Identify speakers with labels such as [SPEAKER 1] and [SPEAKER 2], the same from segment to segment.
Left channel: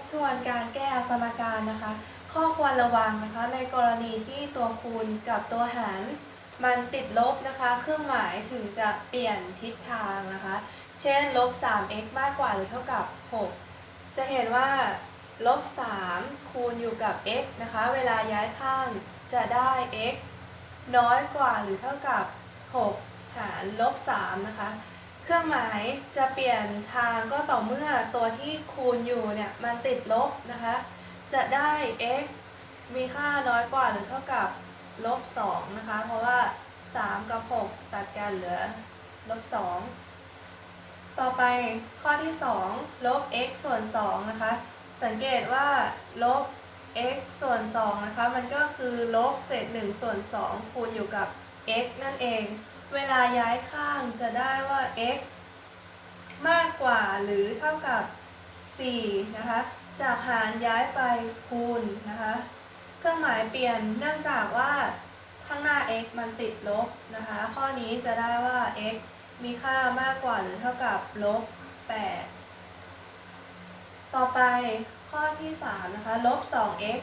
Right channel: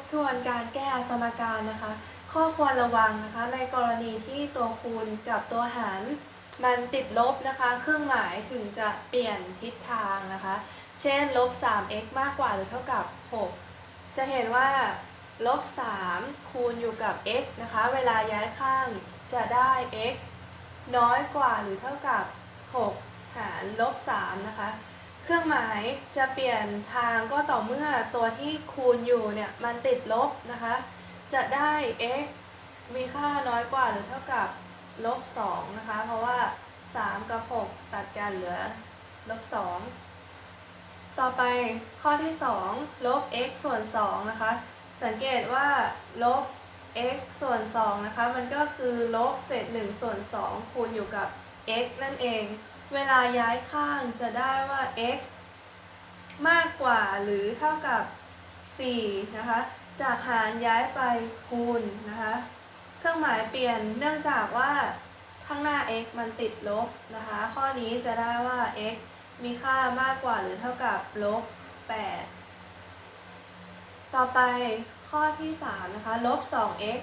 [SPEAKER 1] บทวนการแก้สมการนะคะ ข้อควรระวังนะคะ ในกรณีที่ตัวคูณกับตัวหาร มันติดลบนะคะ เครื่องหมายถึงจะเปลี่ยนทิศทางนะคะ เช่นลบ 3x มากกว่าหรือเท่ากับ 6 จะเห็นว่าลบ 3 คูณอยู่กับ x นะคะ เวลาย้ายข้างจะได้ x น้อยกว่าหรือเท่ากับ 6 หารลบ 3 นะคะ เครื่องหมายจะเปลี่ยนทางก็ต่อเมื่อตัวที่คูณอยู่เนี่ยมันติดลบนะคะ จะได้ x มีค่าน้อยกว่าหรือเท่ากับลบ2นะคะ เพราะว่า 3 กับ 6 ตัดกันเหลือลบ2ต่อไปข้อที่ 2 ลบ x ส่วน 2 นะคะ สังเกตว่าลบ x ส่วน 2 นะคะ มันก็คือลบเศษ 1 ส่วน 2 คูณอยู่กับ x นั่นเอง เวลาย้ายข้างจะได้ว่า x มากกว่าหรือเท่ากับ 4 นะคะ จากหารย้ายไปคูณนะคะ เครื่องหมายเปลี่ยนเนื่องจากว่าข้างหน้า x มันติดลบนะคะ ข้อนี้จะได้ว่า x มีค่ามากกว่าหรือเท่ากับลบ 8 ต่อไปข้อที่ 3 นะคะ ลบ 2x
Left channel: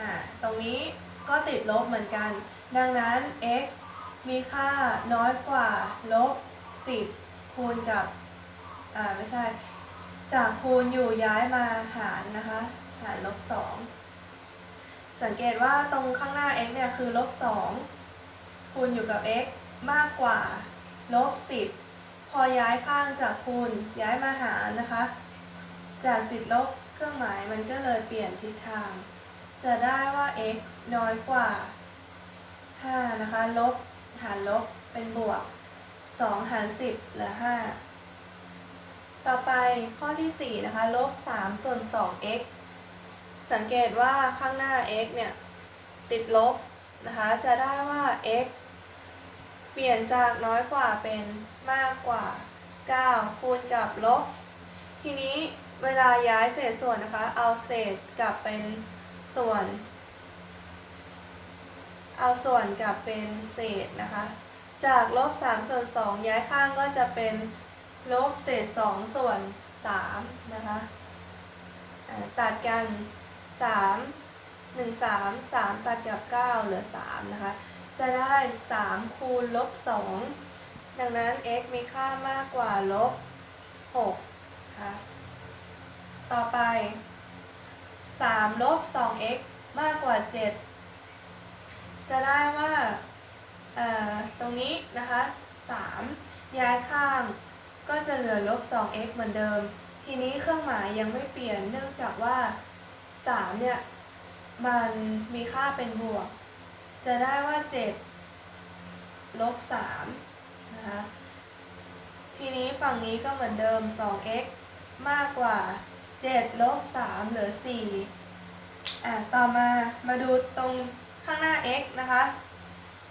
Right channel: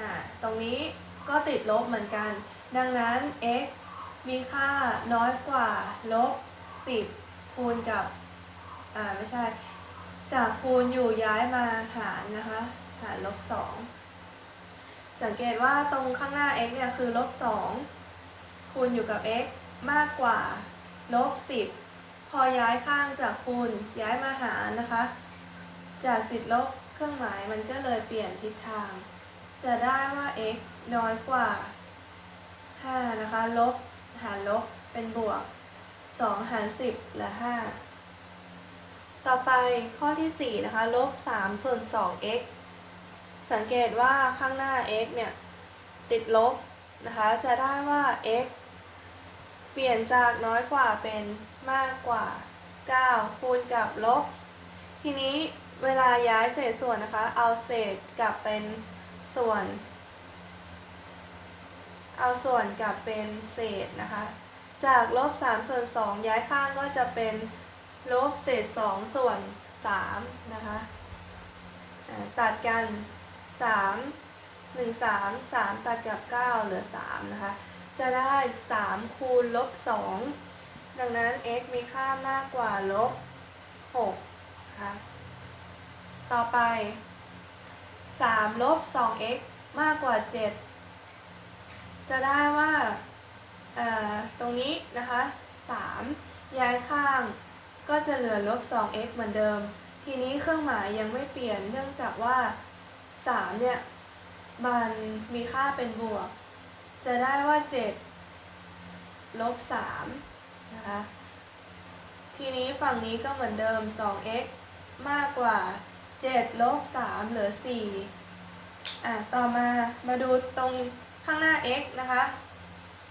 [SPEAKER 1] อ่าตรงนี้ก็ติดลบเหมือนกัน ดังนั้น x มีค่าน้อยกว่าลบ10คูณกับ อ่าไม่ใช่ จากคูณอยู่ย้ายมาหารนะคะ หารลบ2สังเกตว่าตรงข้างหน้า x เนี่ยคือลบ2คูณอยู่กับ x มากกว่าลบ10พอย้ายข้างจากคูณย้ายมาหารนะคะ จากติดลบเครื่องหมายมันก็เลยเปลี่ยนทิศทาง จะได้ว่า x น้อยกว่า5นะคะลบ หารลบเป็นบวก 2 หาร 10เหลือ 5 ต่อไปข้อที่ 4 นะคะ ลบ 3 ส่วน 2x สังเกตว่าข้างหน้า x เนี่ย ติดลบนะคะ จะได้ว่า x เปลี่ยนจากน้อยกว่าเป็นมากกว่า 9 คูณกับลบ ทีนี้เวลาย้ายเศษส่วนนะคะ เอาเศษกลับเป็นส่วน เอาส่วนกลับเป็นเศษนะคะ จากลบ3ส่วน2ย้ายข้างก็จะเป็นลบเศษ 2 ส่วน3นะคะตัดกัน 3 1 3 3 ตัดกับ 9 เหลือ 3 นะคะ จะได้ 3 คูณลบ 2 ดังนั้น x มีค่ามากกว่าลบ6ค่ะต่อไป 3 ลบ 2x มากกว่า 7 จะได้ว่าตรงนี้นะคะ3ย้ายข้างก็จะเหลือลบ 2x เหมือนเดิม ทีนี้เครื่องหมายยังไม่เปลี่ยนเนื่องจากว่า3เนี่ยมันมีค่าเป็นบวก จะได้ว่า7ลบ3นะคะทีนี้ฝั่งนี้ก็เหมือนเดิม 2x มากกว่า 7 ลบ 3 เหลือ 4 อะ ต่อมา มาดูตรง ข้างหน้า x นะคะ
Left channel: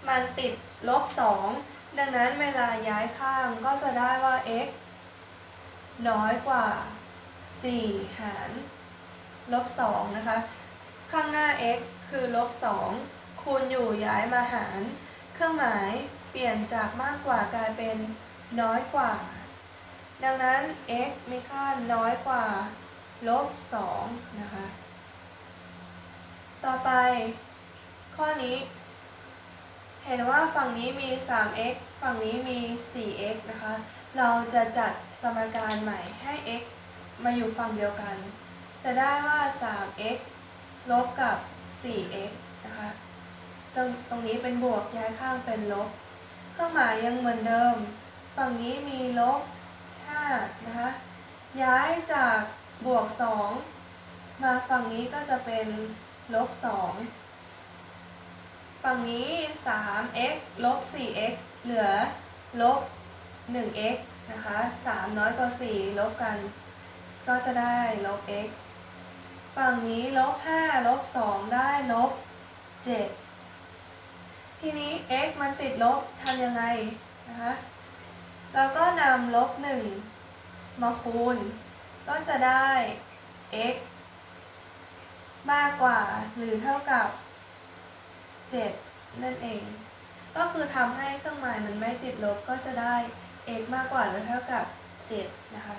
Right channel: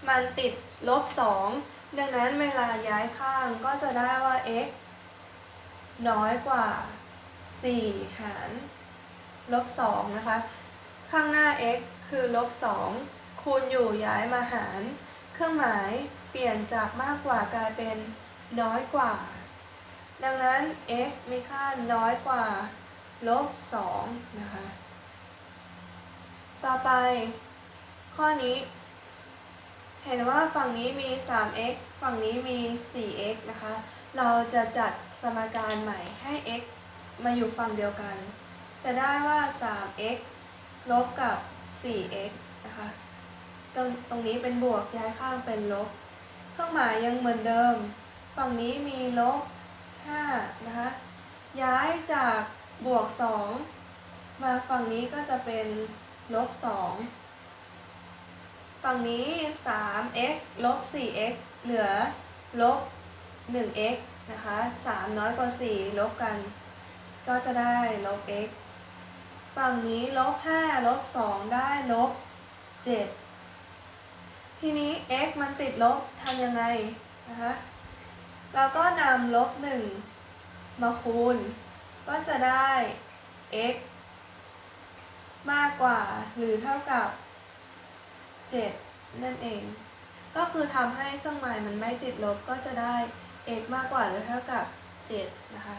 [SPEAKER 1] มันติดลบ 2 ดังนั้นเวลาย้ายข้างก็จะได้ว่า x น้อยกว่า 4 หารลบ 2 นะคะ ข้างหน้า x คือลบ 2 คูณอยู่ย้ายมาหาร เครื่องหมายเปลี่ยนจากมากกว่ากลายเป็นน้อยกว่า ดังนั้น x มีค่าน้อยกว่าลบ 2 นะคะ ต่อไป ข้อนี้ เห็นว่าฝั่งนี้มี 3x ฝั่งนี้มี 4x นะคะ เราจะจัดสมการใหม่ให้ x มาอยู่ฝั่งเดียวกัน จะได้ว่า 3x ลบกับ 4x นะคะ ตรงตรงนี้เป็นบวกย้ายข้างเป็นลบ เครื่องหมายยังเหมือนเดิม ฝั่งนี้มีลบ 5 นะคะ ย้ายจากบวก 2 มาฝั่งนี้ก็จะเป็นลบ 2 ฝั่งนี้ 3x ลบ 4x เหลือลบ 1x นะคะ 3 น้อยกว่า 4 ลบกัน ก็จะได้ลบ x ฝั่งนี้ลบ 5 ลบ 2 ได้ลบ 7 ทีนี้ x มันติดลบทำยังไงนะคะ เราก็นำลบ 1 มาคูณ ก็จะได้ x มากกว่าหรือเท่ากับ 7 นั่นเอง ก็คือทำให้เครื่องหมายมันไม่ติดลบก็จะได้ x มากกว่าหรือเท่ากับ 7 นะคะ